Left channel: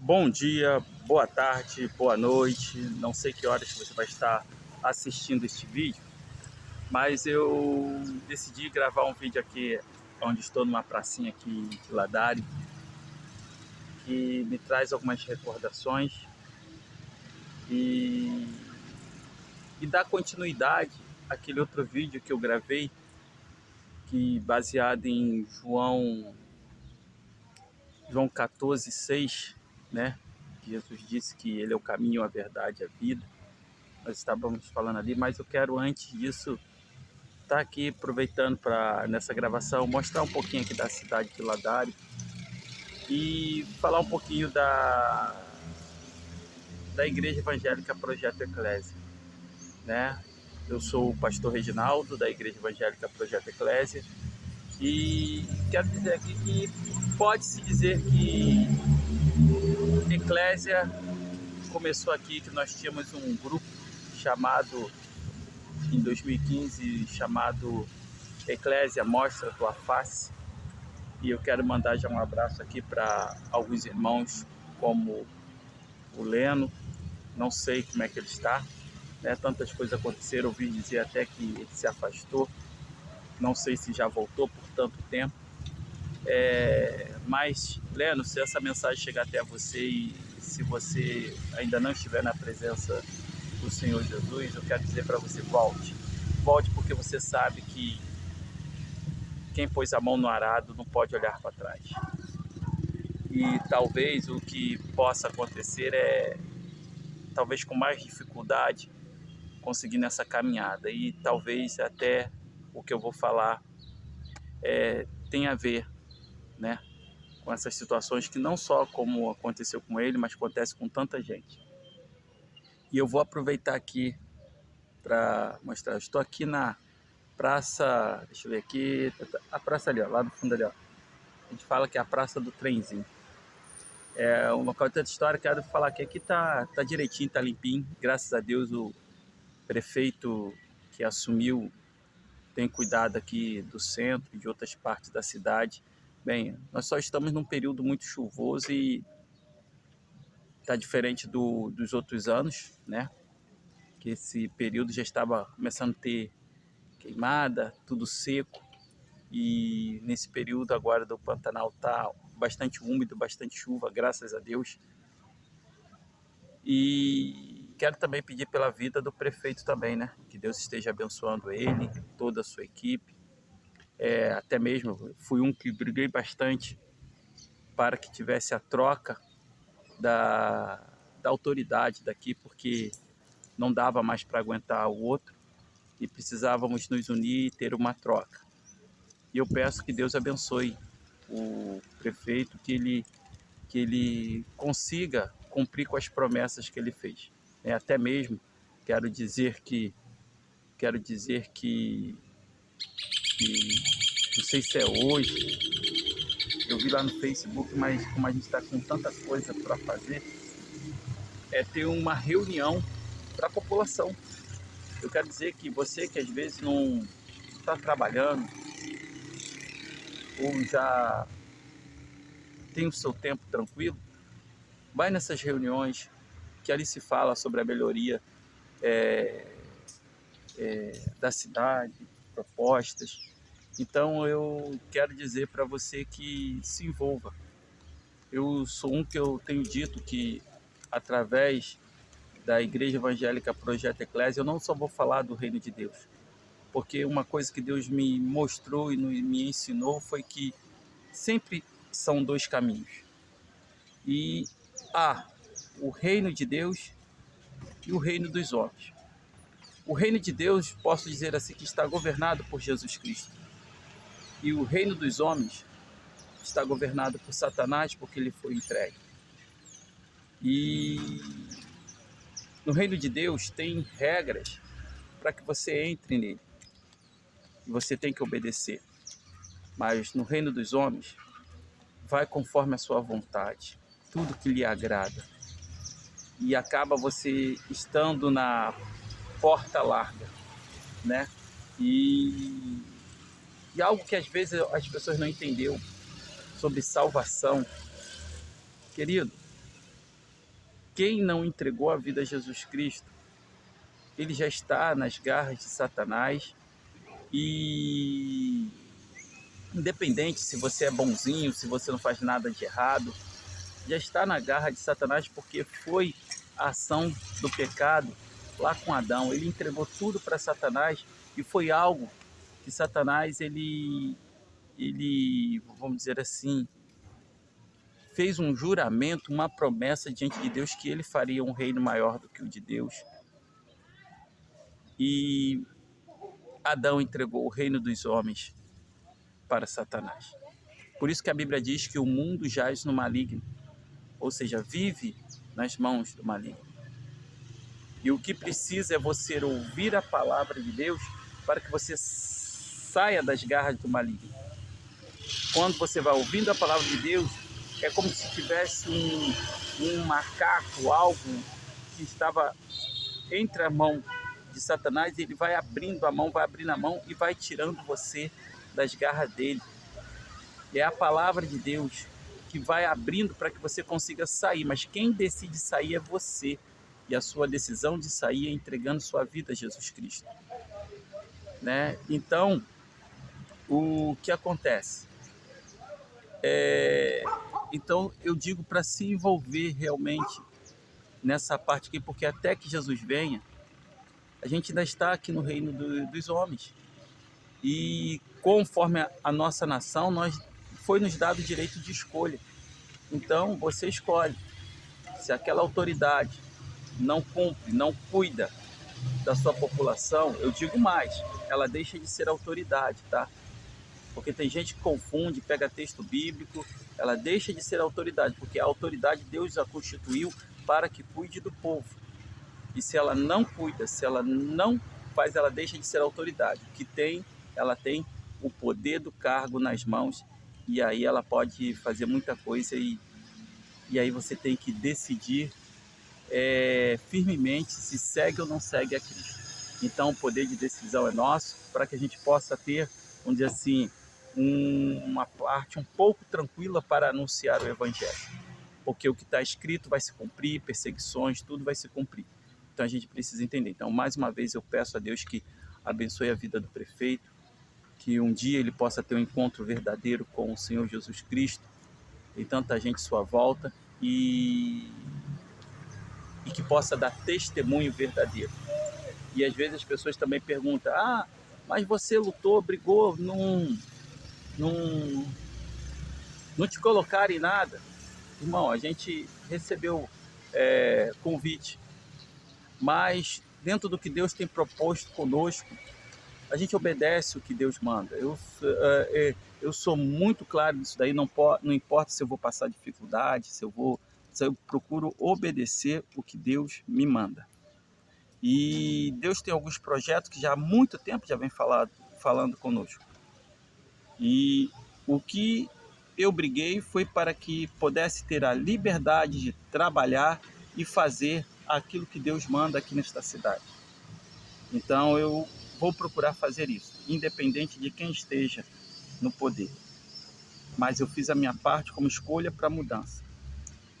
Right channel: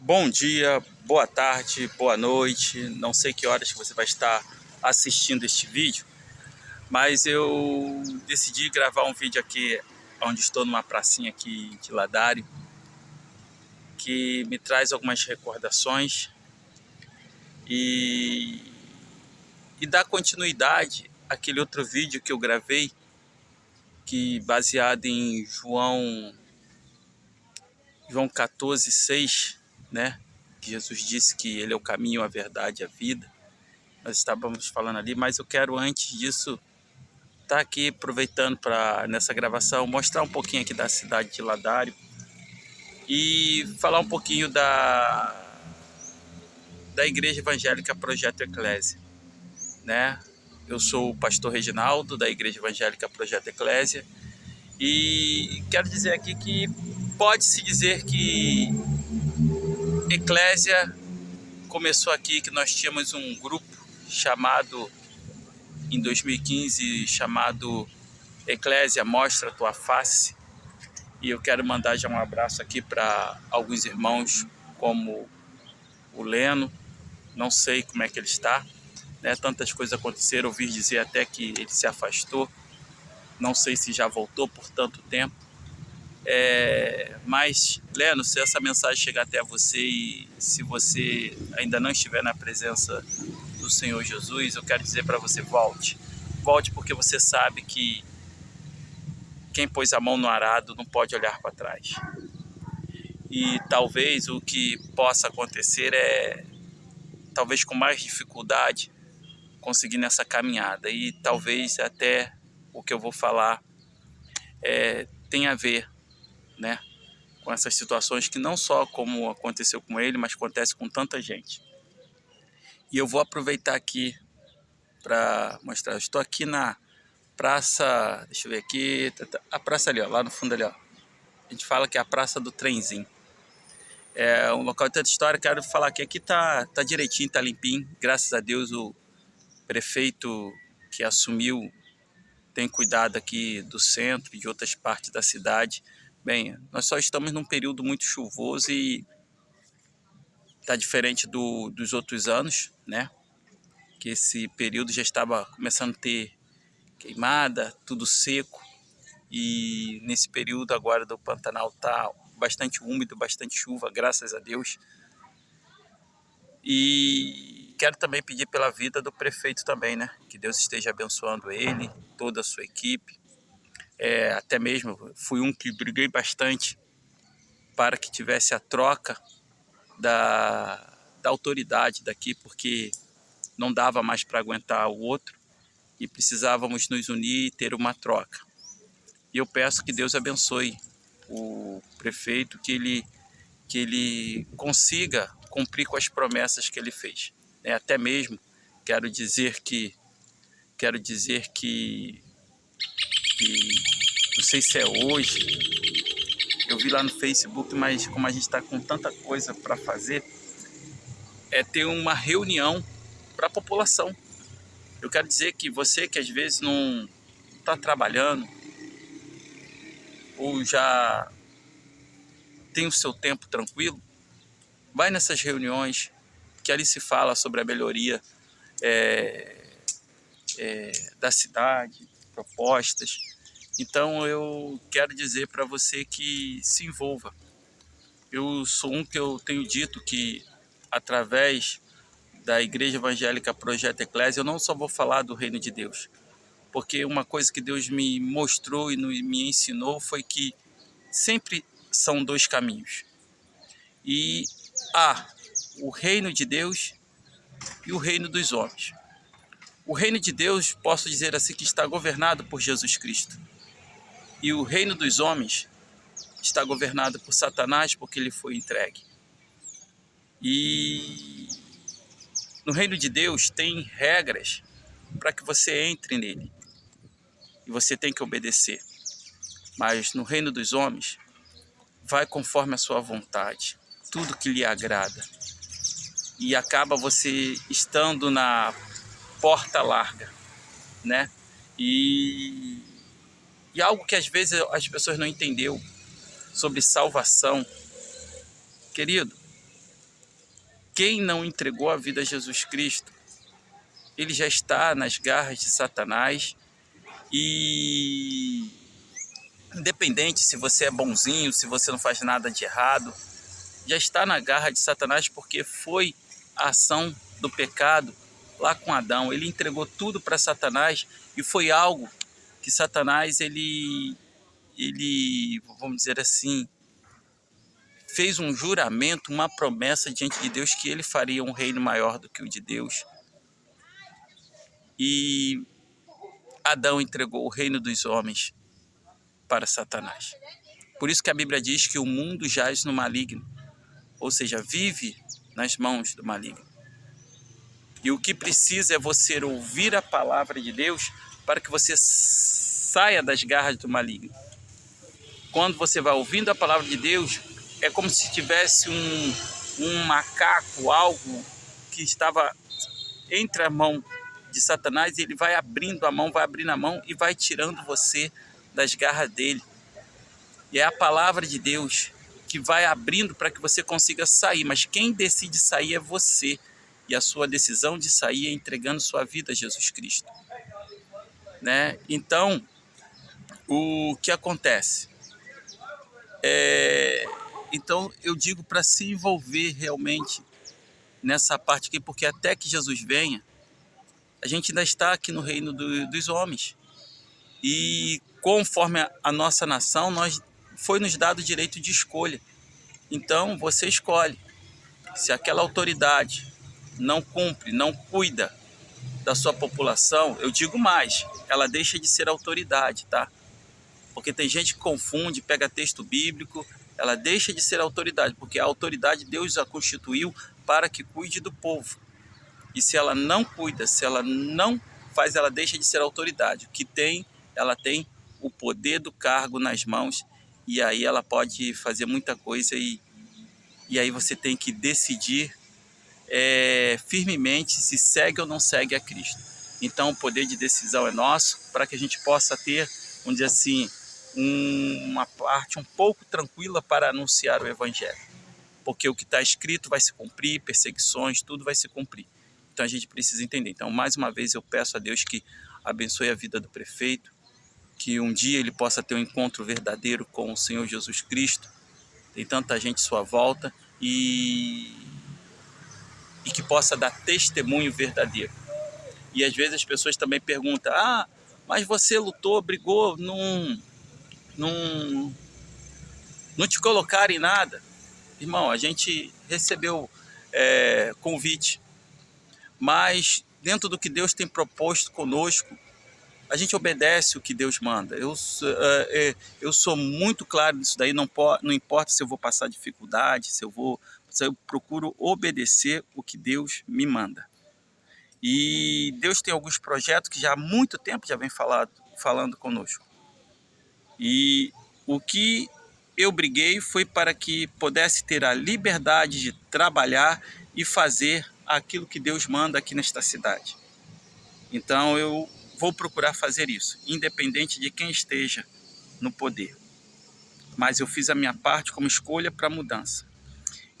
Bom dia, boa tarde, boa noite. Não sei que horas que você vai estar assistindo este vídeo, mas eu decidi gravar um vídeo aqui onde estou numa pracinha aqui de Ladário, que me traz algumas recordações e, e dá continuidade àquele outro vídeo que eu gravei, que baseado em João 14:6, né? Que Jesus disse que ele é o caminho, a verdade e a vida. Nós estávamos falando ali, mas eu quero antes disso estar aqui aproveitando para nessa gravação mostrar um pouquinho aqui da cidade de Ladário e falar um pouquinho da Igreja Evangélica Projeto Eclésia, né? Eu sou o pastor Reginaldo da Igreja Evangélica Projeto Eclésia e quero dizer aqui que pode-se dizer que Eclésia começou aqui, que nós tínhamos um grupo chamado em 2015 chamado Eclésia Mostra a Tua Face, e eu quero mandar já um abraço aqui para alguns irmãos como o Leno. Não sei como é que ele está, né? Tantas coisas aconteceram, ouvi dizer até que ele se afastou, não sei se já voltou por tanto tempo, mas Leno, se essa mensagem chegar até você e se você ainda não estiver na presença do Senhor Jesus, eu quero dizer para você: volte porque você sabe que quem pôs a mão no arado não pode olhar para trás. E talvez o que possa acontecer é, talvez com mais dificuldade, conseguir nessa caminhada. E talvez até o que eu vou falar tenha a ver, né, com essas situações que não só como aconteceu com ele, mas acontece com tanta gente. E eu vou aproveitar aqui para mostrar. Eu estou aqui na praça, deixa eu ver aqui, a praça ali, ó, lá no fundo ali, ó. A gente fala que é a Praça do Trenzinho. É um local de tanta história. Quero falar que aqui tá direitinho, tá limpinho. Graças a Deus o prefeito que assumiu tem cuidado aqui do centro e de outras partes da cidade. Bem, nós só estamos num período muito chuvoso e tá diferente dos outros anos, né? Que esse período já estava começando a ter queimada, tudo seco. E nesse período agora do Pantanal tá bastante úmido, bastante chuva, graças a Deus. E quero também pedir pela vida do prefeito também, né? Que Deus esteja abençoando ele, toda a sua equipe. Até mesmo fui um que briguei bastante para que tivesse a troca da autoridade daqui, porque não dava mais para aguentar o outro e precisávamos nos unir e ter uma troca. E eu peço que Deus abençoe o prefeito, que ele consiga cumprir com as promessas que ele fez. Até mesmo quero dizer que não sei se é hoje, eu vi lá no Facebook, mas como a gente está com tanta coisa para fazer, é ter uma reunião para a população. Eu quero dizer que você que às vezes não está trabalhando ou já tem o seu tempo tranquilo, vai nessas reuniões que ali se fala sobre a melhoria da cidade, propostas. Então eu quero dizer para você que se envolva. Eu sou um que eu tenho dito que através da Igreja Evangélica Projeto Eclésia eu não só vou falar do reino de Deus, porque uma coisa que Deus me mostrou e me ensinou foi que sempre são dois caminhos. E há o reino de Deus e o reino dos homens. O reino de Deus, posso dizer assim, que está governado por Jesus Cristo. E o reino dos homens está governado por Satanás, porque ele foi entregue. E no reino de Deus tem regras para que você entre nele. E você tem que obedecer. Mas no reino dos homens, vai conforme a sua vontade. Tudo que lhe agrada. E acaba você estando na porta larga, né? E algo que às vezes as pessoas não entenderam sobre salvação. Querido, quem não entregou a vida a Jesus Cristo, ele já está nas garras de Satanás. E independente se você é bonzinho, se você não faz nada de errado, já está na garra de Satanás, porque foi a ação do pecado lá com Adão. Ele entregou tudo para Satanás e foi algo que Satanás, ele, vamos dizer assim, fez um juramento, uma promessa diante de Deus que ele faria um reino maior do que o de Deus. E Adão entregou o reino dos homens para Satanás. Por isso que a Bíblia diz que o mundo jaz no maligno, ou seja, vive nas mãos do maligno. E o que precisa é você ouvir a palavra de Deus para que você saia das garras do maligno. Quando você vai ouvindo a palavra de Deus, é como se tivesse um macaco, algo que estava entre a mão de Satanás, e ele vai abrindo a mão e vai tirando você das garras dele. E é a palavra de Deus que vai abrindo para que você consiga sair, mas quem decide sair é você. E a sua decisão de sair é entregando sua vida a Jesus Cristo, né? Então, o que acontece? Então, eu digo para se envolver realmente nessa parte aqui, porque até que Jesus venha, a gente ainda está aqui no reino dos homens. E conforme a nossa nação, foi nos dado o direito de escolha. Então, você escolhe. Se aquela autoridade não cumpre, não cuida da sua população, eu digo mais, ela deixa de ser autoridade, tá? Porque tem gente que confunde, pega texto bíblico, ela deixa de ser autoridade, porque a autoridade Deus a constituiu para que cuide do povo. E se ela não cuida, se ela não faz, ela deixa de ser autoridade. O que tem, ela tem o poder do cargo nas mãos, e aí ela pode fazer muita coisa, e aí você tem que decidir firmemente se segue ou não segue a Cristo. Então o poder de decisão é nosso, para que a gente possa ter, vamos dizer assim, uma parte um pouco tranquila para anunciar o Evangelho. Porque o que está escrito vai se cumprir, perseguições, tudo vai se cumprir. Então a gente precisa entender. Então, mais uma vez, eu peço a Deus que abençoe a vida do prefeito, que um dia ele possa ter um encontro verdadeiro com o Senhor Jesus Cristo. Tem tanta gente à sua volta, e que possa dar testemunho verdadeiro. E às vezes as pessoas também perguntam: mas você lutou, brigou, não te colocaram em nada. Irmão, a gente recebeu convite, mas dentro do que Deus tem proposto conosco, a gente obedece o que Deus manda. Eu sou muito claro nisso daí, não importa se eu vou passar dificuldade, se eu procuro obedecer o que Deus me manda. E Deus tem alguns projetos que já há muito tempo já vem falando conosco. E o que eu briguei foi para que pudesse ter a liberdade de trabalhar e fazer aquilo que Deus manda aqui nesta cidade. Então eu vou procurar fazer isso, independente de quem esteja no poder. Mas eu fiz a minha parte como escolha para a mudança.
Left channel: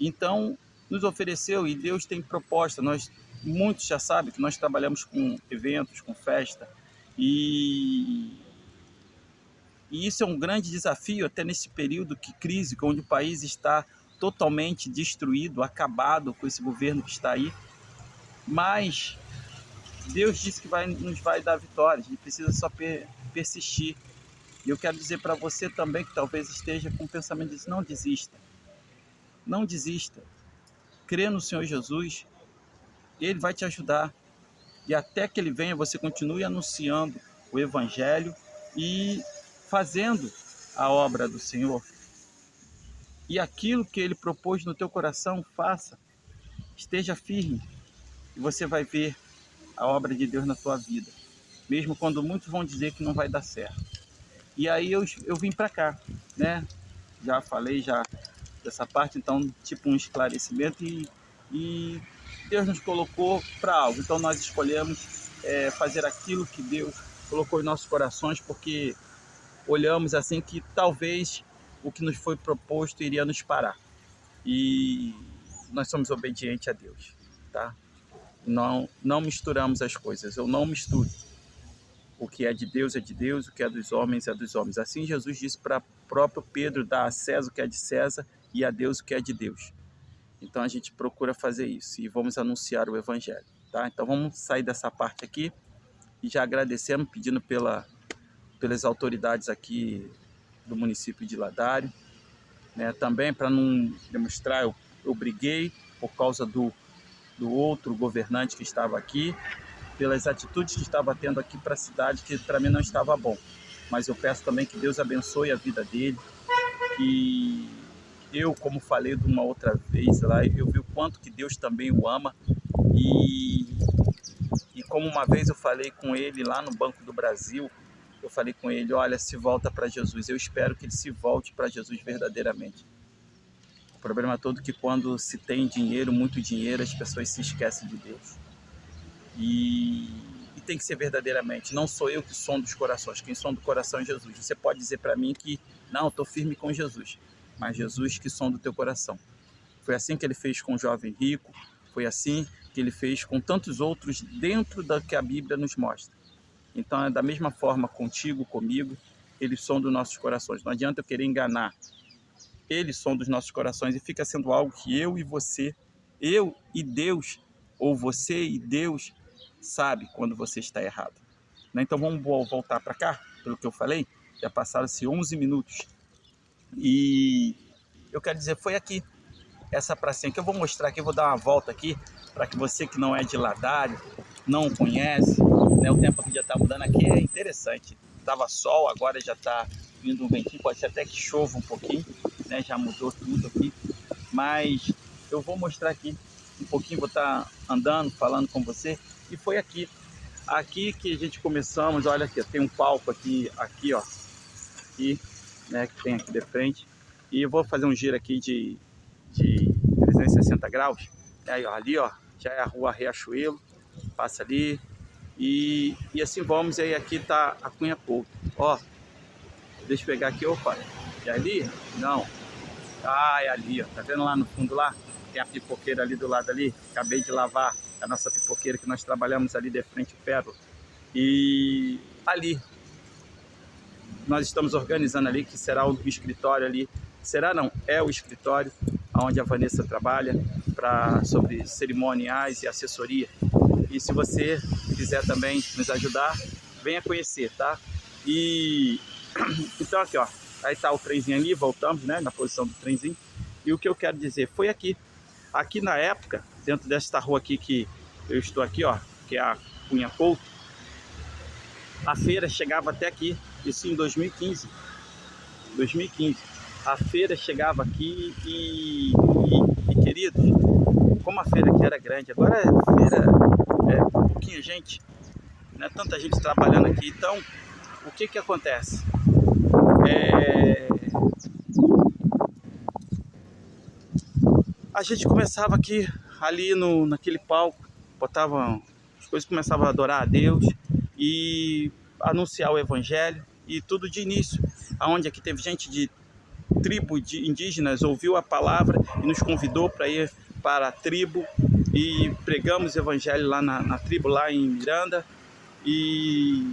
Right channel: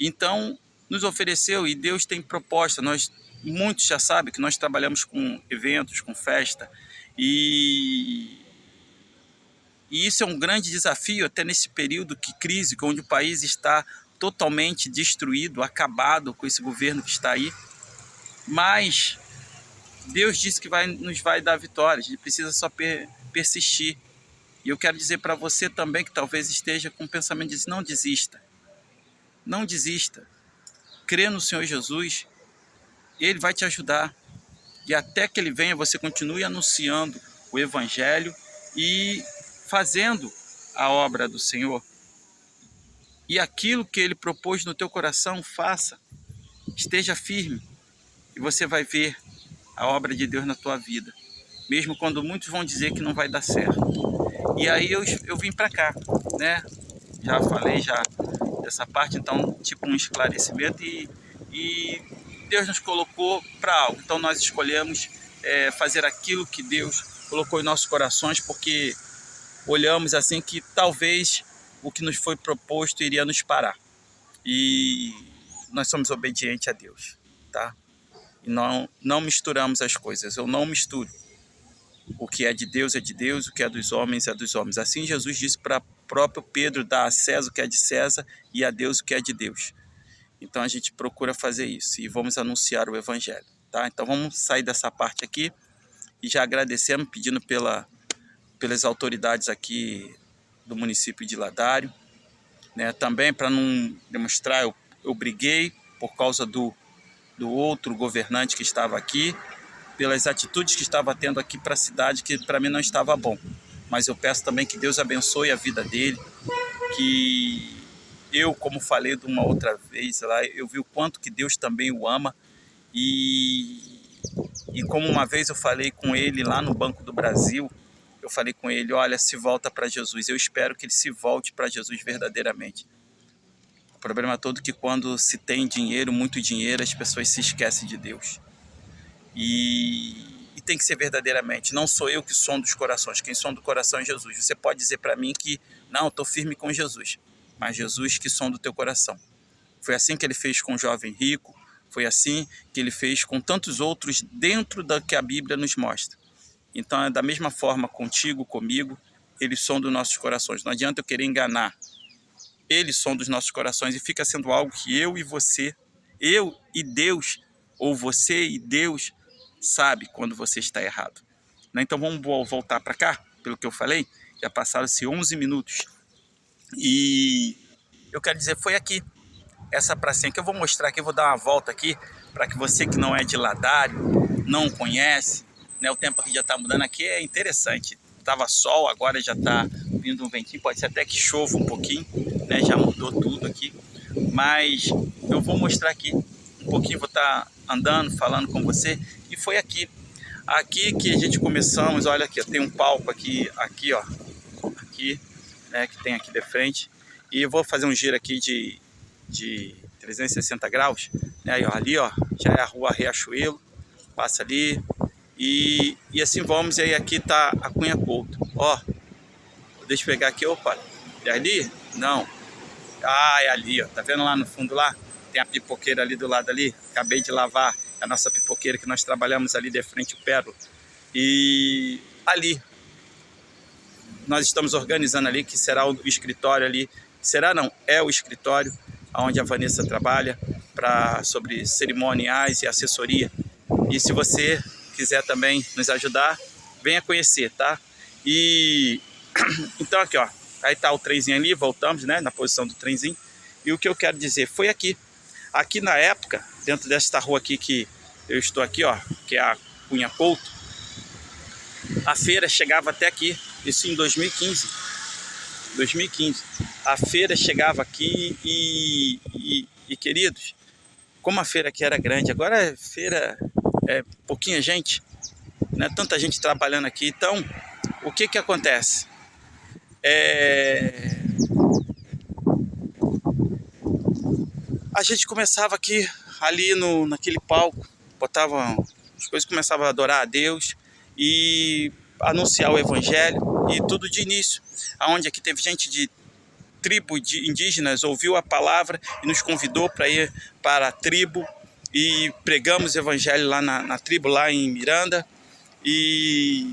Então, nos ofereceu, e Deus tem proposta. Muitos já sabem que nós trabalhamos com eventos, com festa, e isso é um grande desafio até nesse período de crise, onde o país está totalmente destruído, acabado com esse governo que está aí. Mas Deus disse que nos vai dar vitória, a gente precisa só persistir. E eu quero dizer para você também que talvez esteja com o pensamento de dizer: não desista. Não desista. Crê no Senhor Jesus, Ele vai te ajudar. E até que Ele venha, você continue anunciando o Evangelho e fazendo a obra do Senhor. E aquilo que Ele propôs no teu coração, faça. Esteja firme e você vai ver a obra de Deus na tua vida. Mesmo quando muitos vão dizer que não vai dar certo. E aí eu vim para cá, né? Já falei dessa parte, então, tipo um esclarecimento, e Deus nos colocou para algo. Então nós escolhemos fazer aquilo que Deus colocou em nossos corações, porque olhamos assim que talvez o que nos foi proposto iria nos parar. E nós somos obedientes a Deus, tá? E não misturamos as coisas, eu não misturo. O que é de Deus, o que é dos homens é dos homens. Assim Jesus disse para próprio Pedro, dá a César o que é de César e a Deus o que é de Deus. Então a gente procura fazer isso e vamos anunciar o Evangelho, tá? Então vamos sair dessa parte aqui e já agradecemos, pedindo pelas autoridades aqui do município de Ladário, né? Também para não demonstrar, eu briguei por causa do outro governante que estava aqui, pelas atitudes que estava tendo aqui para a cidade, que para mim não estava bom. Mas eu peço também que Deus abençoe a vida dele, que eu, como falei de uma outra vez lá, eu vi o quanto que Deus também o ama, e como uma vez eu falei com ele lá no Banco do Brasil, eu falei com ele, olha, se volta para Jesus, eu espero que ele se volte para Jesus verdadeiramente. O problema todo é que quando se tem dinheiro, muito dinheiro, as pessoas se esquecem de Deus. E tem que ser verdadeiramente. Não sou eu que sondo os corações, quem sonda o coração é Jesus. Você pode dizer para mim que não, estou firme com Jesus, mas Jesus que sonda o teu coração. Foi assim que ele fez com o jovem rico, foi assim que ele fez com tantos outros dentro da que a Bíblia nos mostra. Então é da mesma forma contigo, comigo, ele sonda os nossos corações. Não adianta eu querer enganar. Ele sonda os nossos corações e fica sendo algo que eu e você, eu e Deus, ou você e Deus, sabe quando você está errado. Então vamos voltar para cá, pelo que eu falei, já passaram-se 11 minutos. E eu quero dizer, foi aqui, essa pracinha que eu vou mostrar aqui, eu vou dar uma volta aqui, para que você que não é de Ladário, não conhece, né, o tempo aqui já está mudando aqui, é interessante. Estava sol, agora já está vindo um ventinho, pode ser até que chova um pouquinho, né, já mudou tudo aqui. Mas eu vou mostrar aqui um pouquinho, vou estar andando, falando com você. E foi aqui que a gente começamos, olha aqui, tem um palco aqui, ó, aqui, né, que tem aqui de frente. E eu vou fazer um giro aqui de 360 graus, né, aí, ó, ali, ó, já é a rua Riachuelo, passa ali, e assim vamos, e aí aqui tá a Cunha Couto, ó, deixa eu pegar aqui, opa, é ali? Não, é ali, ó, tá vendo lá no fundo lá? Tem a pipoqueira ali do lado ali, acabei de lavar a nossa pipoqueira que nós trabalhamos ali de frente ao Pérola, e ali, nós estamos organizando ali, que será o escritório ali, será não, é o escritório onde a Vanessa trabalha, sobre cerimoniais e assessoria. E se você quiser também nos ajudar, venha conhecer, tá? E então aqui, ó, aí tá o trenzinho ali, voltamos, né, na posição do trenzinho. E o que eu quero dizer, foi aqui na época, dentro desta rua aqui que eu estou aqui, ó, que é a Cunha Couto, a feira chegava até aqui, isso em 2015. A feira chegava aqui e queridos, como a feira aqui era grande, agora a feira é pouquinha gente, né? Tanta gente trabalhando aqui. Então, o que acontece? A gente começava aqui, ali naquele palco, botava as coisas, começava a adorar a Deus e anunciar o Evangelho, e tudo de início, aonde aqui teve gente de tribo de indígenas, ouviu a palavra e nos convidou para ir para a tribo, e pregamos o Evangelho lá na tribo, lá em Miranda, e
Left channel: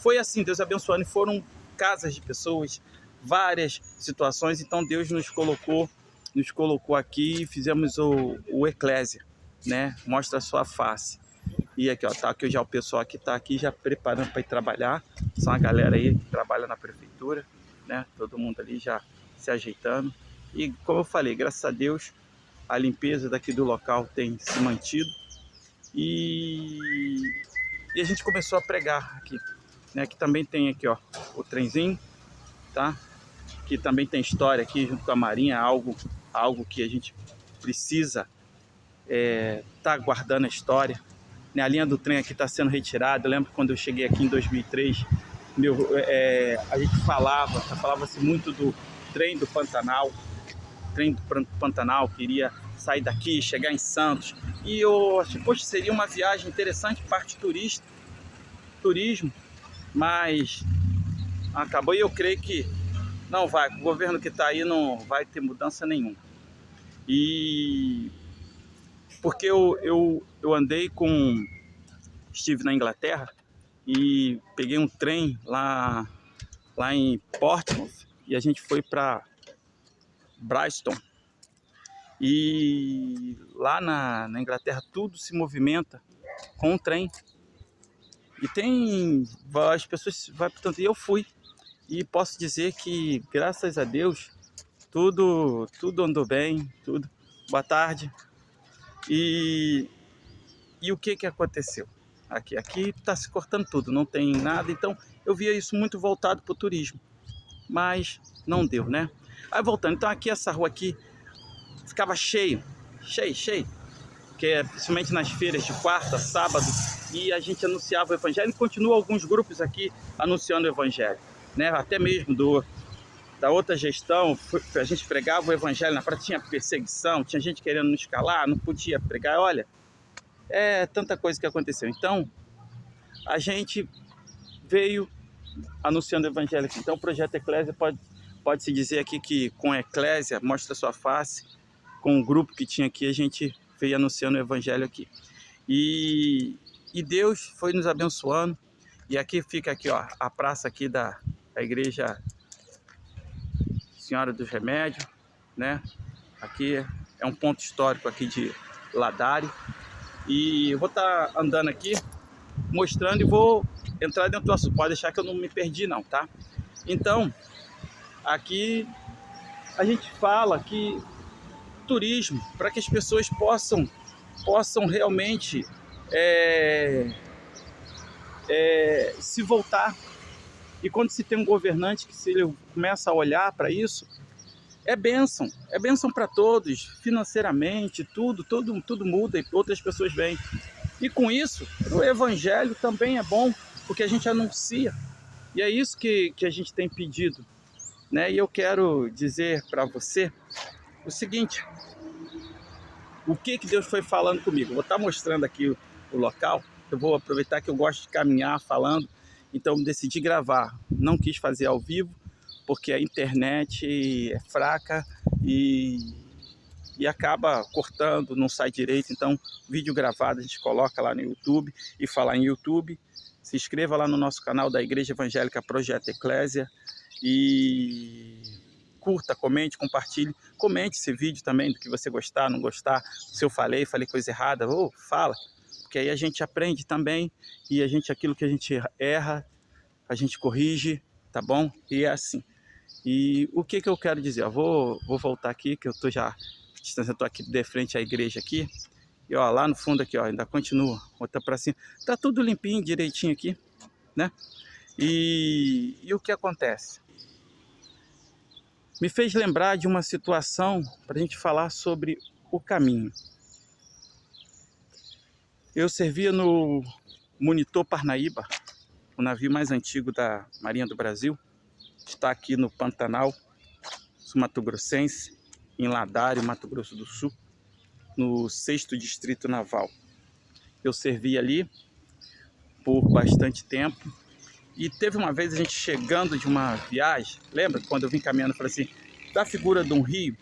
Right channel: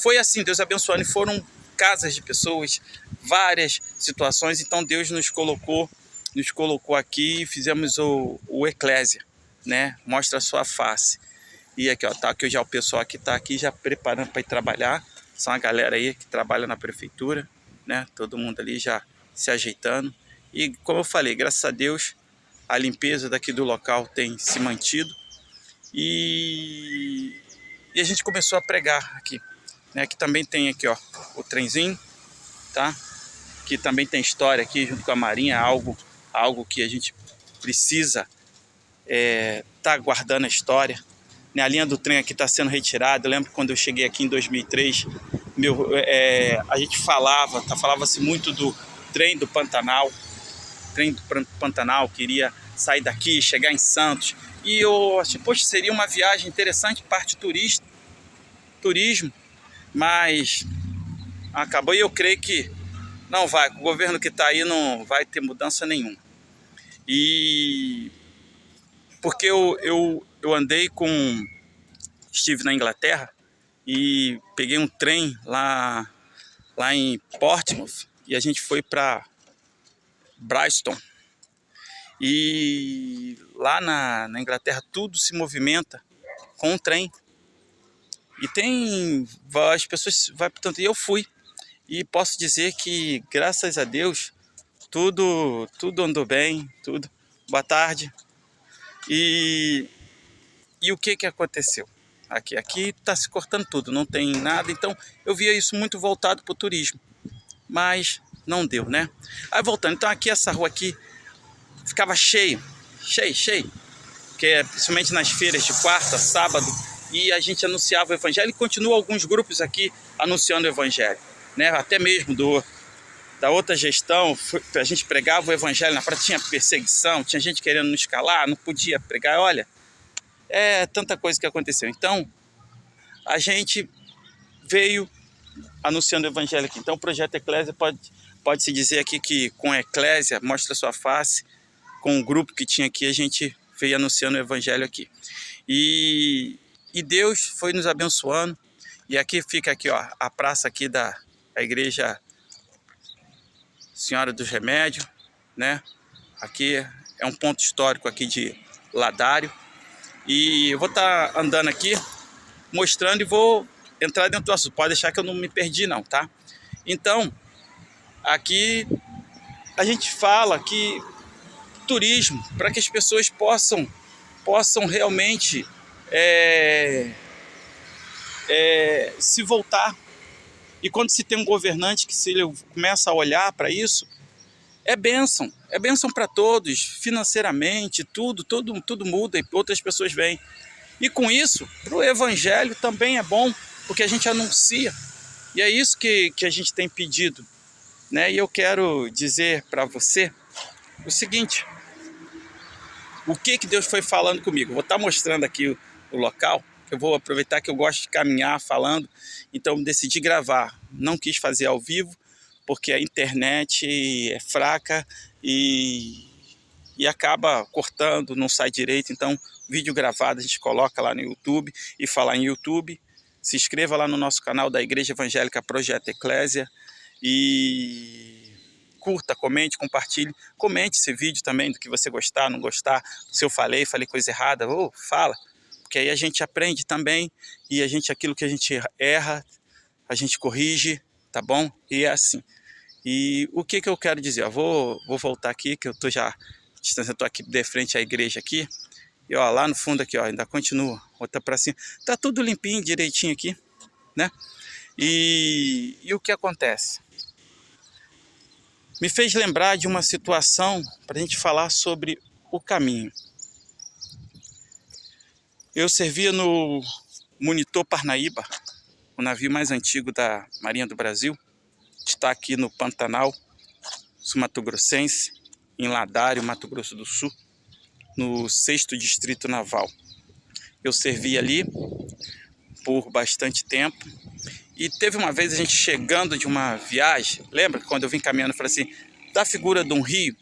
foi assim, Deus abençoando, e foram casas de pessoas, várias situações. Então Deus nos colocou aqui e fizemos o Eclésia, né? Mostra a sua face. E aqui, ó, tá aqui já o pessoal que tá aqui já preparando para ir trabalhar. São a galera aí que trabalha na prefeitura, né? Todo mundo ali já se ajeitando. E como eu falei, graças a Deus, a limpeza daqui do local tem se mantido. E a gente começou a pregar aqui, né? Que também tem aqui, ó, o trenzinho, tá? Que também tem história aqui junto com a Marinha, algo que a gente precisa tá guardando a história. A linha do trem aqui está sendo retirada. Eu lembro quando eu cheguei aqui em 2003, a gente falava-se muito do trem do Pantanal. Queria sair daqui, chegar em Santos. E eu achei, poxa, seria uma viagem interessante, parte turismo, mas acabou, e eu creio que não vai, o governo que está aí não vai ter mudança nenhuma. E Porque eu andei com... Estive na Inglaterra e peguei um trem lá em Portsmouth e a gente foi para Brighton. E lá na Inglaterra tudo se movimenta com o trem. E as pessoas vai portanto, e eu fui. E posso dizer que, graças a Deus, tudo andou bem, tudo. Boa tarde. E o que aconteceu? Aqui está se cortando tudo, não tem nada. Então, eu via isso muito voltado para o turismo. Mas não deu, né? Aí, voltando. Então, aqui, essa rua aqui, ficava cheio. Porque, principalmente nas feiras de quarta, sábado, e a gente anunciava o evangelho. E continua alguns grupos aqui anunciando o evangelho, né? Até mesmo da outra gestão, a gente pregava o evangelho na praia, tinha perseguição, tinha gente querendo nos calar, não podia pregar. Olha, é tanta coisa que aconteceu. Então, a gente veio anunciando o evangelho aqui. Então, o Projeto Eclésia pode-se dizer aqui que com a Eclésia, Mostra Sua Face, com o grupo que tinha aqui, a gente veio anunciando o evangelho aqui. E Deus foi nos abençoando. E aqui fica aqui, ó, a praça aqui da igreja Senhora dos Remédios, né? Aqui é um ponto histórico aqui de Ladário. E eu vou estar andando aqui, mostrando, e vou entrar dentro do assunto. Pode deixar que eu não me perdi não, tá? Então, aqui a gente fala que turismo, para que as pessoas possam realmente se voltar. E quando se tem um governante que se ele começa a olhar para isso, é bênção para todos, financeiramente, tudo muda e outras pessoas vêm. E com isso, o evangelho também é bom, porque a gente anuncia. E é isso que a gente tem pedido, né? E eu quero dizer para você o seguinte: o que Deus foi falando comigo. Vou estar mostrando aqui o local. Eu vou aproveitar que eu gosto de caminhar falando, então decidi gravar. Não quis fazer ao vivo, porque a internet é fraca e acaba cortando, não sai direito. Então, vídeo gravado a gente coloca lá no YouTube. E falar em YouTube, se inscreva lá no nosso canal da Igreja Evangélica Projeto Eclésia e curta, comente, compartilhe. Comente esse vídeo também, do que você gostar, não gostar. Se eu falei coisa errada, fala. Porque aí a gente aprende também, e aquilo que a gente erra, a gente corrige, tá bom? E é assim. E o que eu quero dizer? Eu vou voltar aqui, que eu tô já distância, eu tô aqui de frente à igreja aqui. E ó, lá no fundo aqui, ó, ainda continua, outra para cima. Tá tudo limpinho, direitinho aqui, né? E o que acontece? Me fez lembrar de uma situação para a gente falar sobre o caminho. Eu servia no Monitor Parnaíba, o navio mais antigo da Marinha do Brasil. Está aqui no Pantanal Mato Grossense, em Ladário, Mato Grosso do Sul, no 6º Distrito Naval. Eu servi ali por bastante tempo. E teve uma vez a gente chegando de uma viagem, lembra? Quando eu vim caminhando, eu falei assim, da figura de um rio,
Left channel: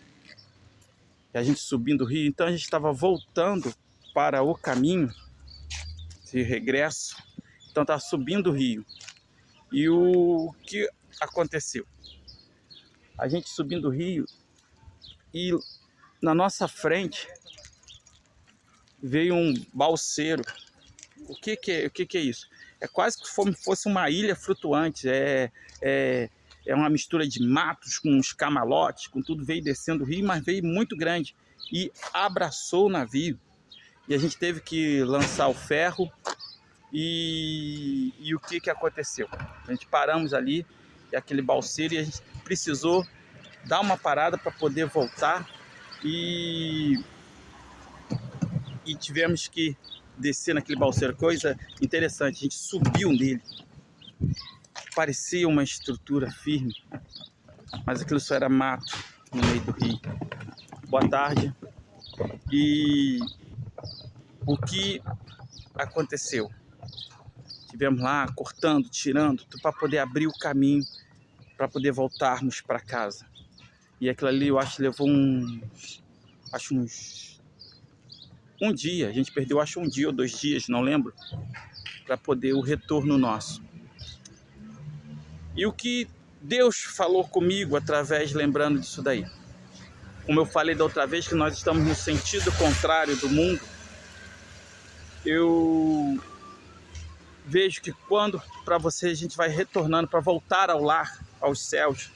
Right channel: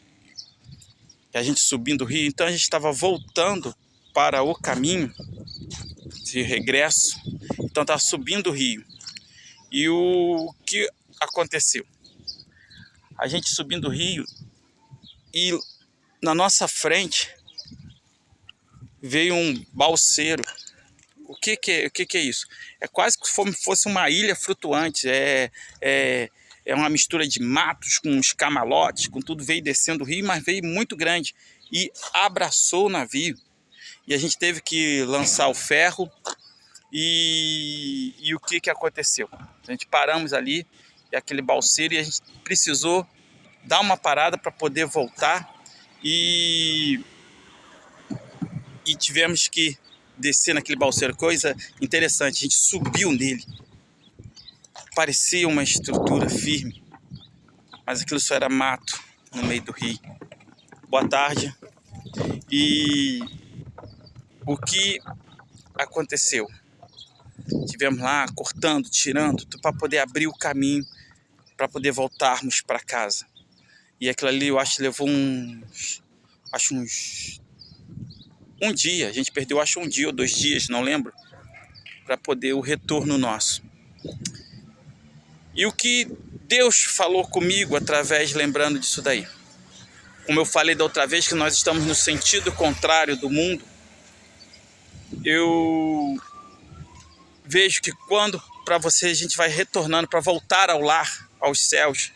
e a gente subindo o rio. Então a gente estava voltando para o caminho de regresso, então estava subindo o rio. E o que aconteceu? A gente subindo o rio e na nossa frente veio um balseiro. O que é isso? É quase que fosse uma ilha flutuante. É uma mistura de matos com uns camalotes, com tudo. Veio descendo o rio, mas veio muito grande e abraçou o navio. E a gente teve que lançar o ferro. E o que aconteceu? A gente paramos ali, e aquele balseiro, e a gente precisou dar uma parada para poder voltar. E tivemos que descer naquele balseiro. Coisa interessante, a gente subiu nele. Parecia uma estrutura firme, mas aquilo só era mato no meio do rio. Boa tarde. E o que aconteceu? Tivemos lá cortando, tirando, para poder abrir o caminho, para poder voltarmos para casa. E aquilo ali eu acho que levou uns um dia, a gente perdeu acho 1 dia ou 2 dias, não lembro, para poder o retorno nosso. E o que Deus falou comigo através, lembrando disso daí. Como eu falei da outra vez, que nós estamos no sentido contrário do mundo, eu vejo que quando para você a gente vai retornando, para voltar ao lar, aos céus,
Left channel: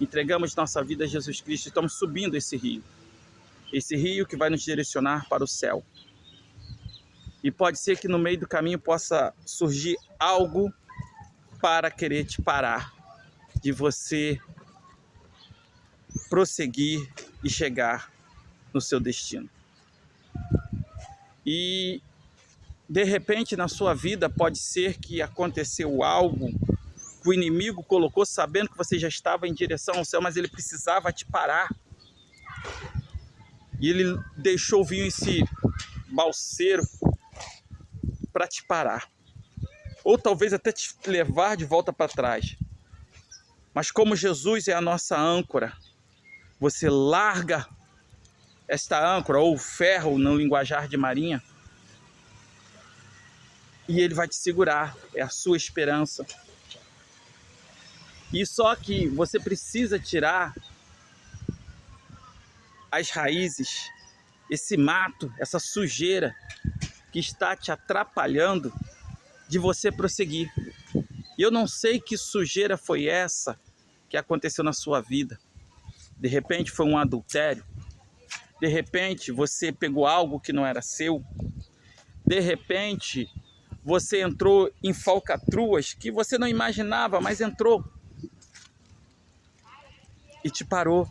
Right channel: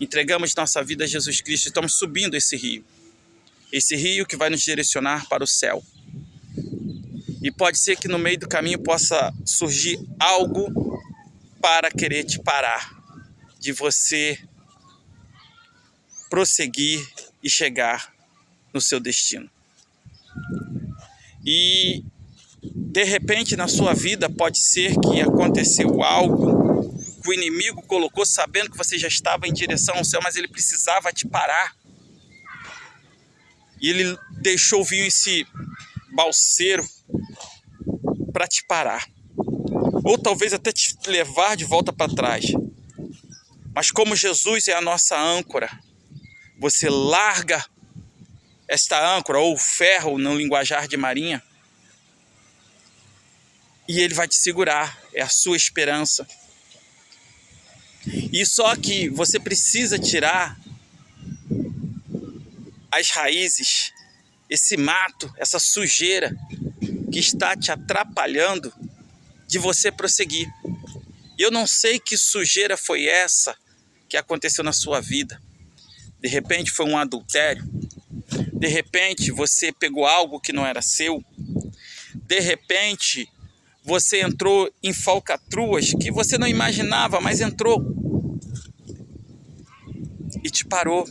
entregamos nossa vida a Jesus Cristo, estamos subindo esse rio que vai nos direcionar para o céu. E pode ser que no meio do caminho possa surgir algo para querer te parar, de você prosseguir e chegar no seu destino. E de repente na sua vida pode ser que aconteceu algo que o inimigo colocou sabendo que você já estava em direção ao céu, mas ele precisava te parar. E ele deixou vir esse balseiro para te parar. Ou talvez até te levar de volta para trás. Mas como Jesus é a nossa âncora, você larga esta âncora, ou ferro no linguajar de marinha, e ele vai te segurar, é a sua esperança. E só que você precisa tirar as raízes, esse mato, essa sujeira que está te atrapalhando de você prosseguir. E eu não sei que sujeira foi essa que aconteceu na sua vida. De repente foi um adultério. De repente você pegou algo que não era seu. De repente você entrou em falcatruas que você não imaginava, mas entrou. E te parou.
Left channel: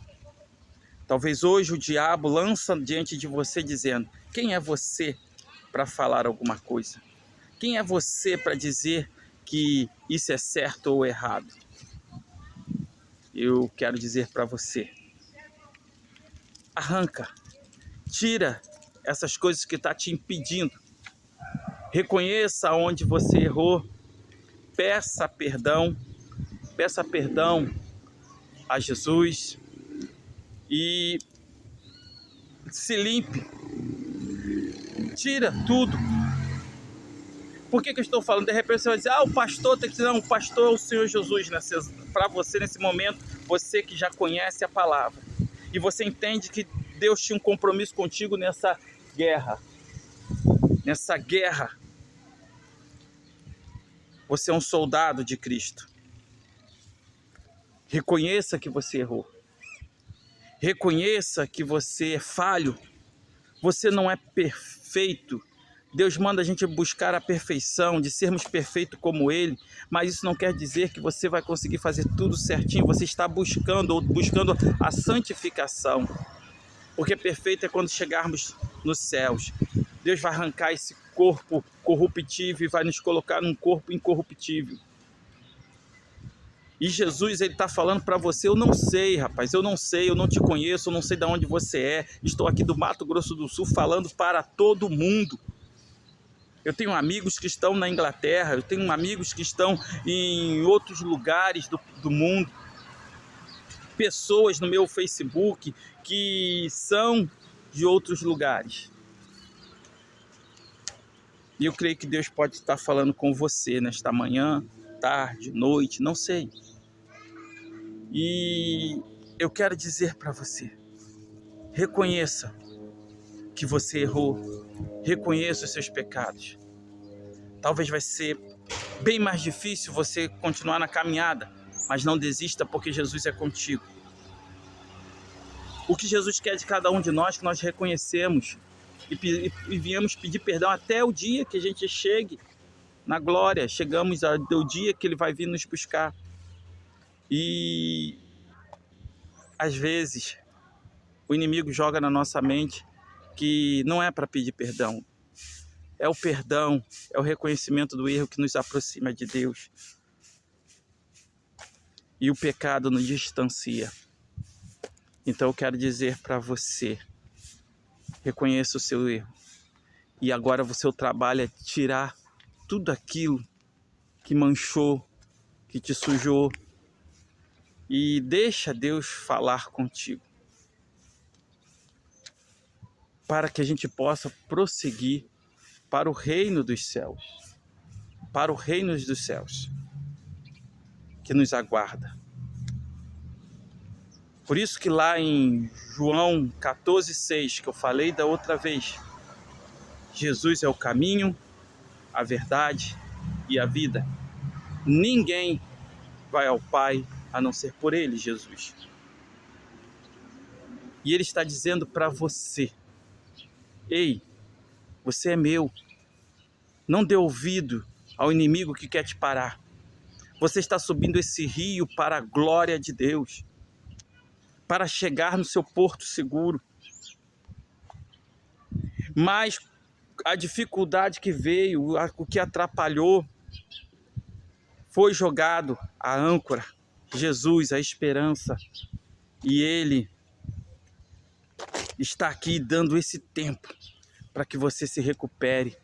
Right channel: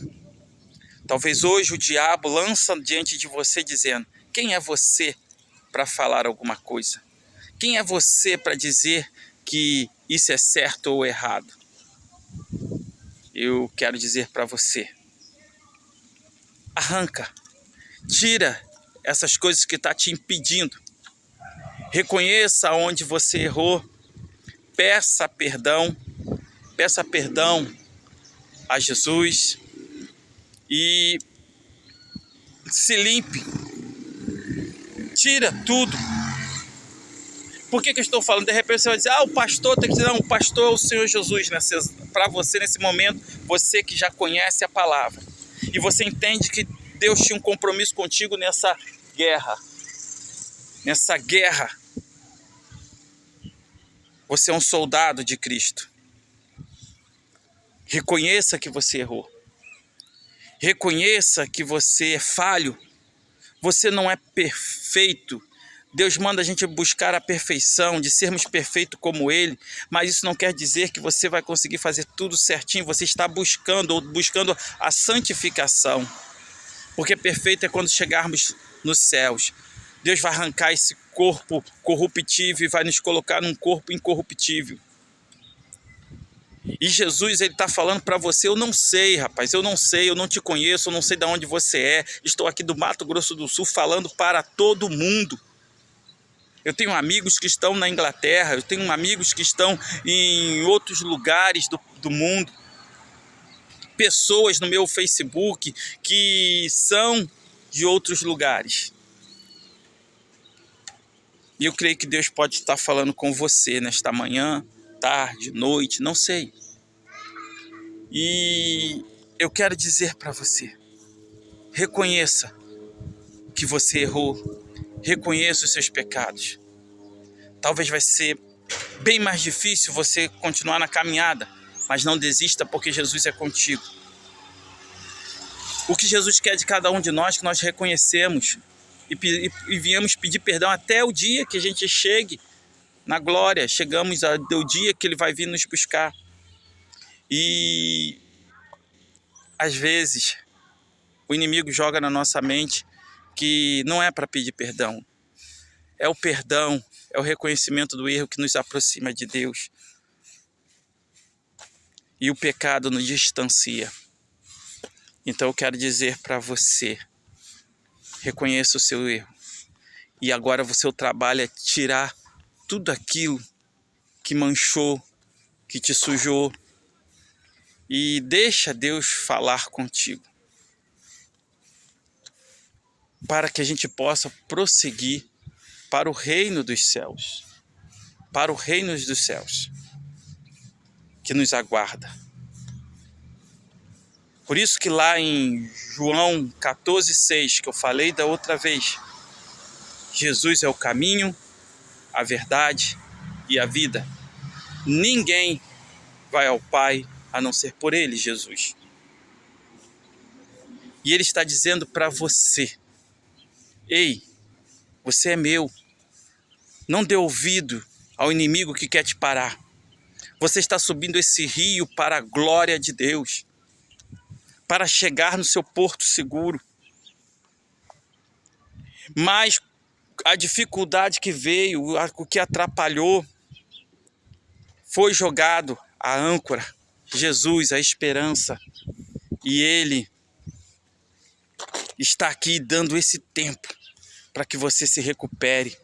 Talvez hoje o diabo lança diante de você dizendo: quem é você para falar alguma coisa? Quem é você para dizer que isso é certo ou errado? Eu quero dizer para você: arranca, tira essas coisas que estão te impedindo. Reconheça onde você errou, peça perdão a Jesus e se limpe, tira tudo. Por que eu estou falando? De repente você vai dizer: o pastor tem que dizer. Não, o pastor é o Senhor Jesus. Para você nesse momento, você que já conhece a palavra e você entende que Deus tinha um compromisso contigo nessa guerra. Você é um soldado de Cristo. Reconheça que você errou. Reconheça que você é falho. Você não é perfeito. Deus manda a gente buscar a perfeição, de sermos perfeitos como Ele, mas isso não quer dizer que você vai conseguir fazer tudo certinho. Você está buscando a santificação, porque perfeito é quando chegarmos nos céus. Deus vai arrancar esse corpo corruptível e vai nos colocar num corpo incorruptível. E Jesus, ele está falando para você: eu não sei, rapaz, eu não sei, eu não te conheço, eu não sei de onde você é. Estou aqui do Mato Grosso do Sul falando para todo mundo. Eu tenho amigos que estão na Inglaterra, eu tenho amigos que estão em outros lugares do mundo. Pessoas no meu Facebook que são de outros lugares. E eu creio que Deus pode estar falando com você nesta manhã, tarde, noite, não sei. E eu quero dizer para você: reconheça que você errou. Reconheça os seus pecados. Talvez vai ser bem mais difícil você continuar na caminhada, mas não desista, porque Jesus é contigo. O que Jesus quer de cada um de nós, que nós reconhecemos e viemos pedir perdão até o dia que a gente chegue na glória. Chegamos ao dia que Ele vai vir nos buscar. E às vezes o inimigo joga na nossa mente que não é para pedir perdão. É o perdão, é o reconhecimento do erro que nos aproxima de Deus. E o pecado nos distancia. Então eu quero dizer para você: reconheça o seu erro. E agora o seu trabalho é tirar tudo aquilo que manchou, que te sujou. E deixa Deus falar contigo. para que a gente possa prosseguir para o reino dos céus, para o reino dos céus, que nos aguarda. Por isso que lá em João 14,6, que eu falei da outra vez, Jesus é o caminho, a verdade e a vida. Ninguém vai ao Pai a não ser por Ele, Jesus. E Ele está dizendo para você: ei, você é meu. Não dê ouvido ao inimigo que quer te parar. Você está subindo esse rio para a glória de Deus, para chegar no seu porto seguro. Mas a dificuldade que veio, o que atrapalhou, foi jogado a âncora, Jesus, a esperança. E Ele está aqui dando esse tempo para que você se recupere,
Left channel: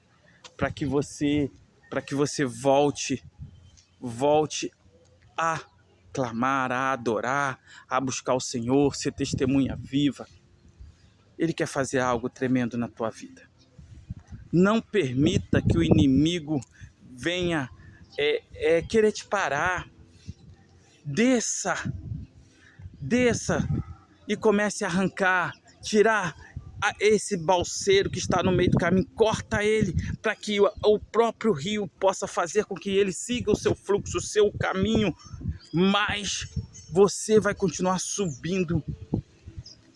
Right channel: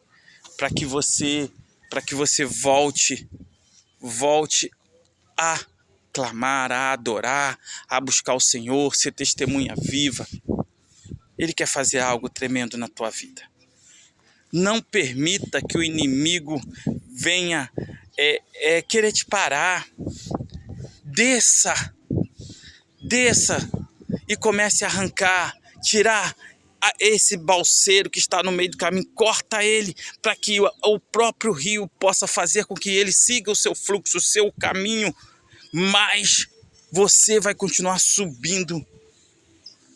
para que você volte a clamar, a adorar, a buscar o Senhor, ser testemunha viva. Ele quer fazer algo tremendo na tua vida. Não permita que o inimigo venha querer te parar. Desça e comece a arrancar, tirar esse balseiro que está no meio do caminho, corta ele, para que o próprio rio possa fazer com que ele siga o seu fluxo, o seu caminho, mas você vai continuar subindo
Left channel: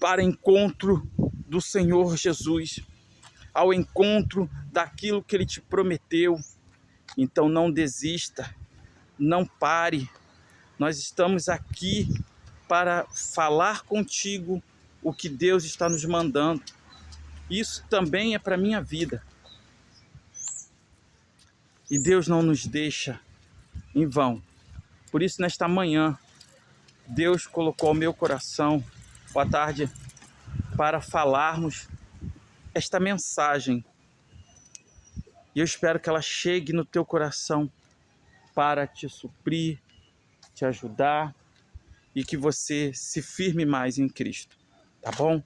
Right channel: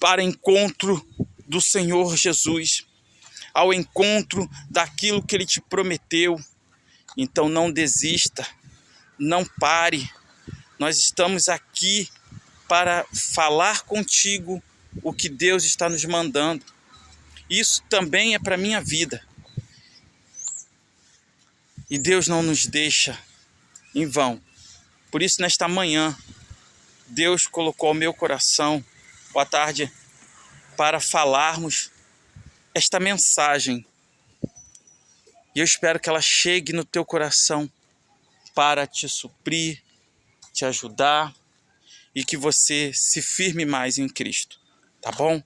para encontro do Senhor Jesus, ao encontro daquilo que Ele te prometeu. Então não desista, não pare. Nós estamos aqui para falar contigo o que Deus está nos mandando. Isso também é para a minha vida. E Deus não nos deixa em vão. Por isso, nesta manhã, Deus colocou ao meu coração, boa tarde, para falarmos esta mensagem. E eu espero que ela chegue no teu coração para te suprir, te ajudar e que você se firme mais em Cristo, tá bom?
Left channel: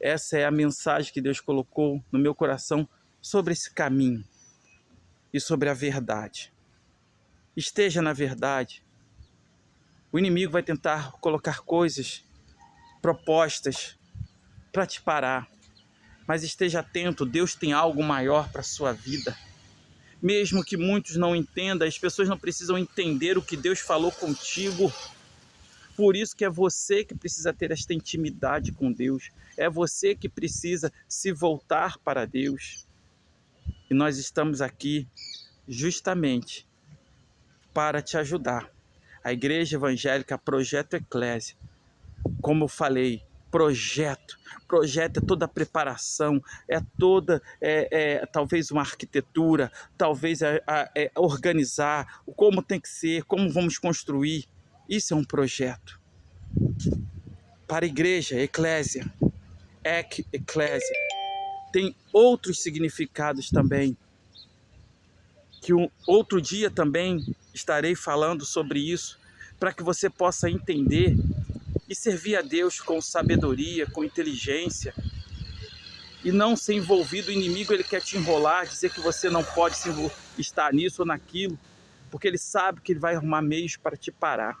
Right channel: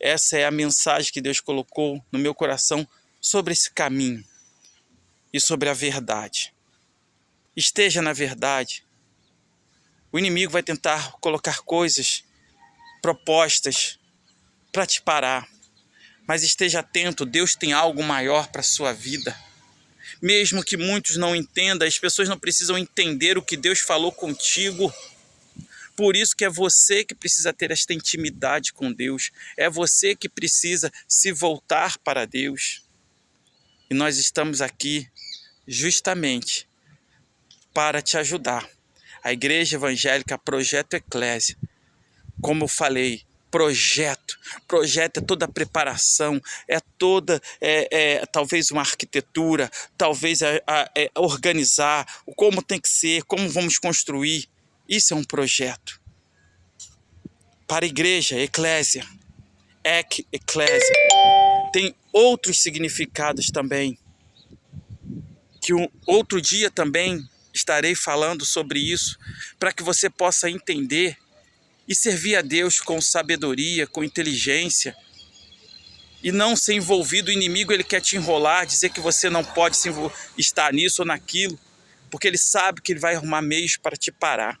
Essa é a mensagem que Deus colocou no meu coração sobre esse caminho e sobre a verdade. Esteja na verdade. O inimigo vai tentar colocar coisas, propostas para te parar. Mas esteja atento, Deus tem algo maior para a sua vida. Mesmo que muitos não entendam, as pessoas não precisam entender o que Deus falou contigo. Por isso que é você que precisa ter esta intimidade com Deus. É você que precisa se voltar para Deus. E nós estamos aqui justamente para te ajudar. A Igreja Evangélica Projeto Eclésia, como eu falei, projeto é toda a preparação, talvez uma arquitetura, talvez organizar, como tem que ser, como vamos construir. Isso é um projeto. Para a igreja, eclésia, eclésia, tem outros significados também, que outro dia também estarei falando sobre isso, para que você possa entender e servir a Deus com sabedoria, com inteligência, e não ser envolvido. O inimigo, ele quer te enrolar, dizer que você não pode estar nisso ou naquilo, porque ele sabe que ele vai arrumar meios para te parar.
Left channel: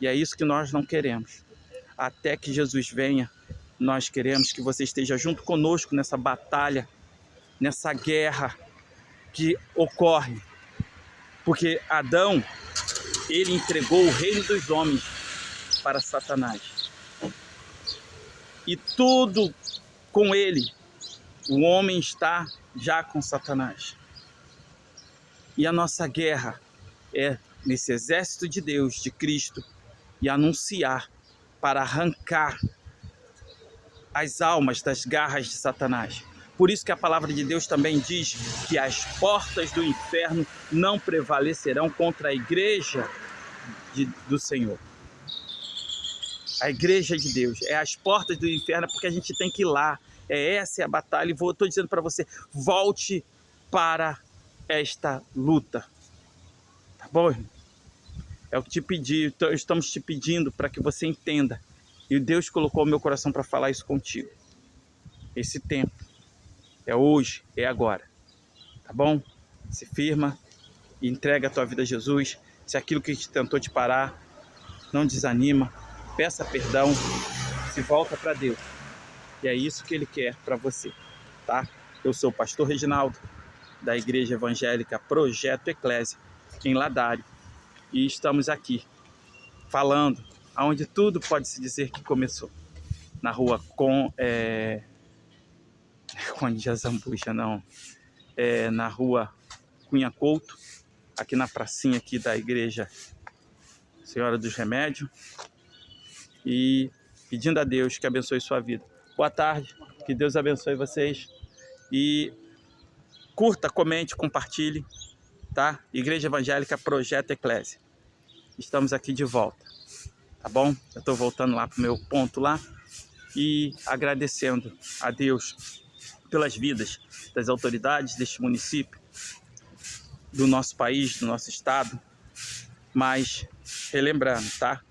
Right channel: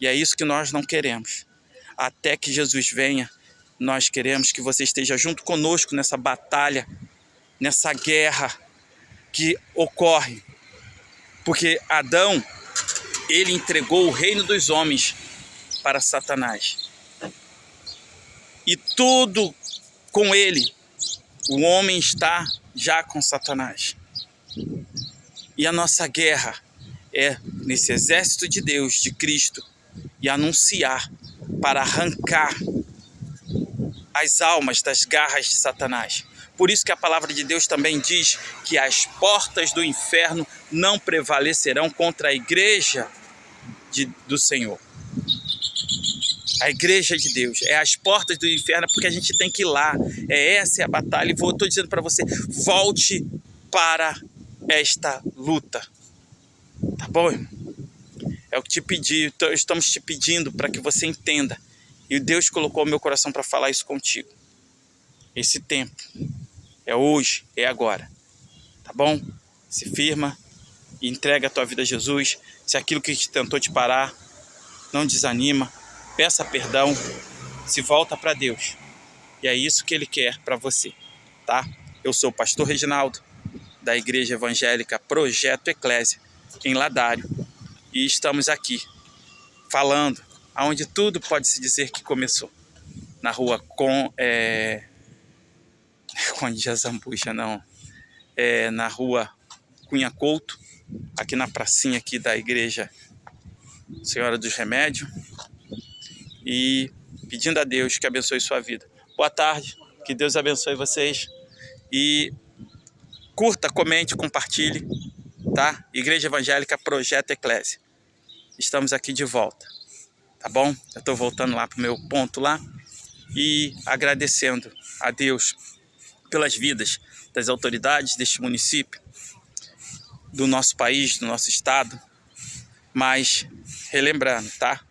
E é isso que nós não queremos. Até que Jesus venha, nós queremos que você esteja junto conosco nessa batalha, nessa guerra que ocorre. Porque Adão, ele entregou o reino dos homens para Satanás. E tudo com ele, o homem está já com Satanás. E a nossa guerra é nesse exército de Deus, de Cristo, e anunciar para arrancar as almas das garras de Satanás. Por isso que a palavra de Deus também diz que as portas do inferno não prevalecerão contra a igreja do Senhor. A igreja de Deus é as portas do inferno, porque a gente tem que ir lá. Essa é a batalha. E estou dizendo para você, volte para esta luta. Tá bom, irmão? É o que te pedi, estamos te pedindo para que você entenda. E Deus colocou o meu coração para falar isso contigo. Esse tempo é hoje, é agora, tá bom? Se firma e entrega a tua vida a Jesus. Se aquilo que tentou te parar, não desanima, peça perdão, se volta para Deus. E é isso que Ele quer para você, tá? Eu sou o pastor Reginaldo, da Igreja Evangélica Projeto Eclésia, em Ladário, e estamos aqui falando aonde tudo pode se dizer que começou, na rua Conde Azambuja, não, na rua Cunha Couto, aqui na pracinha aqui da Igreja Senhora dos Remédios, e pedindo a Deus que abençoe sua vida. Boa tarde, que Deus abençoe vocês, e curta, comente, compartilhe, tá? Igreja Evangélica Projeto Eclésia. Estamos aqui de volta, tá bom? Eu estou voltando lá para o meu ponto lá e agradecendo a Deus pelas vidas das autoridades deste município, do nosso país, do nosso estado, mas relembrando, tá?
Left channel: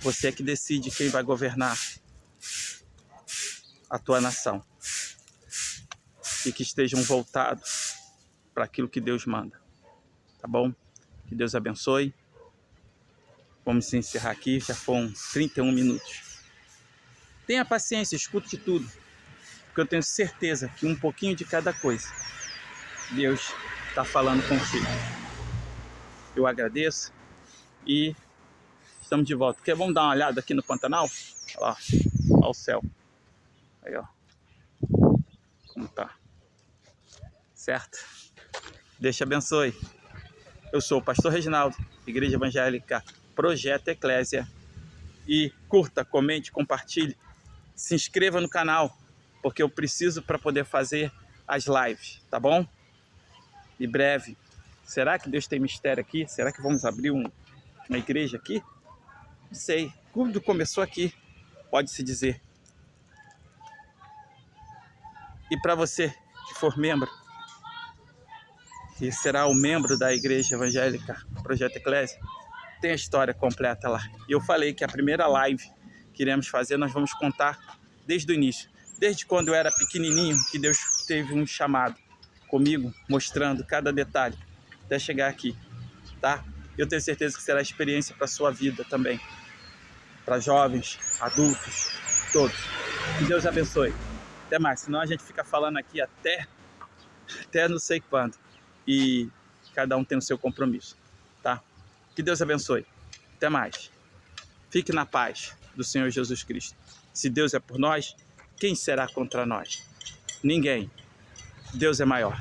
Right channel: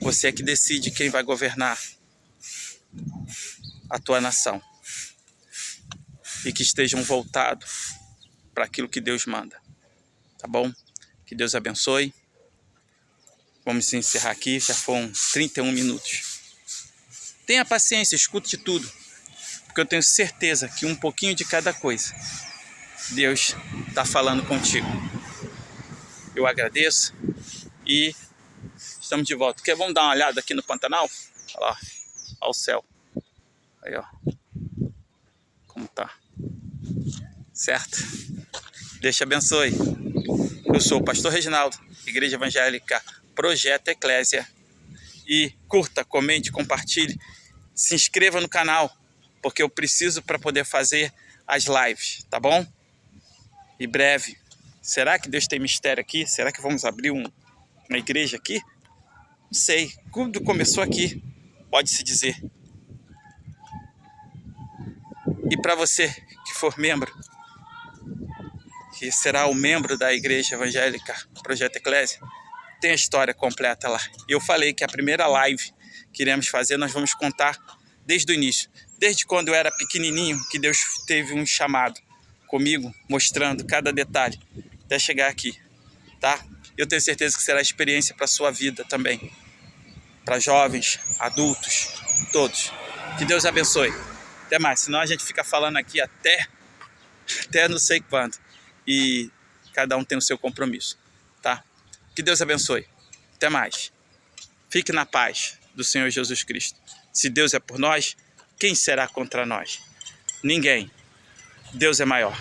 Você é que decide quem vai governar a tua nação e que estejam voltados para aquilo que Deus manda, tá bom? Que Deus abençoe. Vamos encerrar aqui, já foram 31 minutos. Tenha paciência, escute tudo, porque eu tenho certeza que um pouquinho de cada coisa Deus está falando contigo. Eu agradeço e estamos de volta. Vamos dar uma olhada aqui no Pantanal? Olha lá, olha o céu. Aí, ó. Como tá. Certo? Deus te abençoe. Eu sou o pastor Reginaldo, Igreja Evangélica Projeto Eclésia. E curta, comente, compartilhe. Se inscreva no canal, porque eu preciso para poder fazer as lives, tá bom? E breve. Será que Deus tem mistério aqui? Será que vamos abrir uma igreja aqui? Não sei. Tudo começou aqui, pode-se dizer. E para você que for membro, que será o membro da Igreja Evangélica Projeto Eclésia, tem a história completa lá. E eu falei que a primeira live que iremos fazer, nós vamos contar desde o início. Desde quando eu era pequenininho, que Deus teve um chamado comigo, mostrando cada detalhe, até chegar aqui, tá? Eu tenho certeza que será experiência para a sua vida também. Para jovens, adultos, todos. Que Deus abençoe. Até mais, senão a gente fica falando aqui até não sei quando. E cada um tem o seu compromisso, tá? Que Deus abençoe. Até mais. Fique na paz do Senhor Jesus Cristo. Se Deus é por nós, quem será contra nós? Ninguém. Deus é maior.